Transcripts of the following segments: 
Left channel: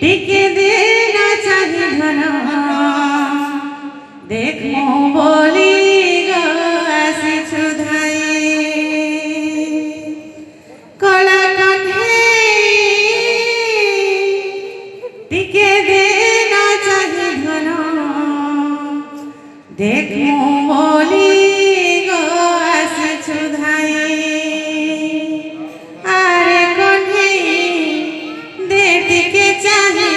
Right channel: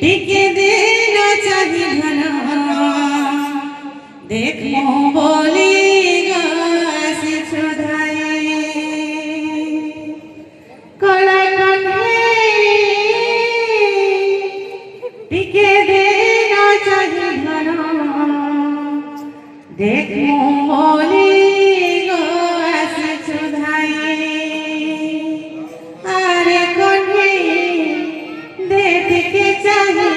टिके दिन चाही धन देख बोली गासी छुधाई कला कंधे टिके दिन चाही धन देख बोली गासी छुधाई अरे कंधे दे टिके चाही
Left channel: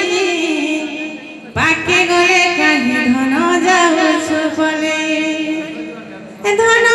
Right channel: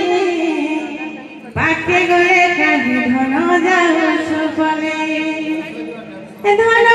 पाके गले कहीं धन जाऊ छुपले धन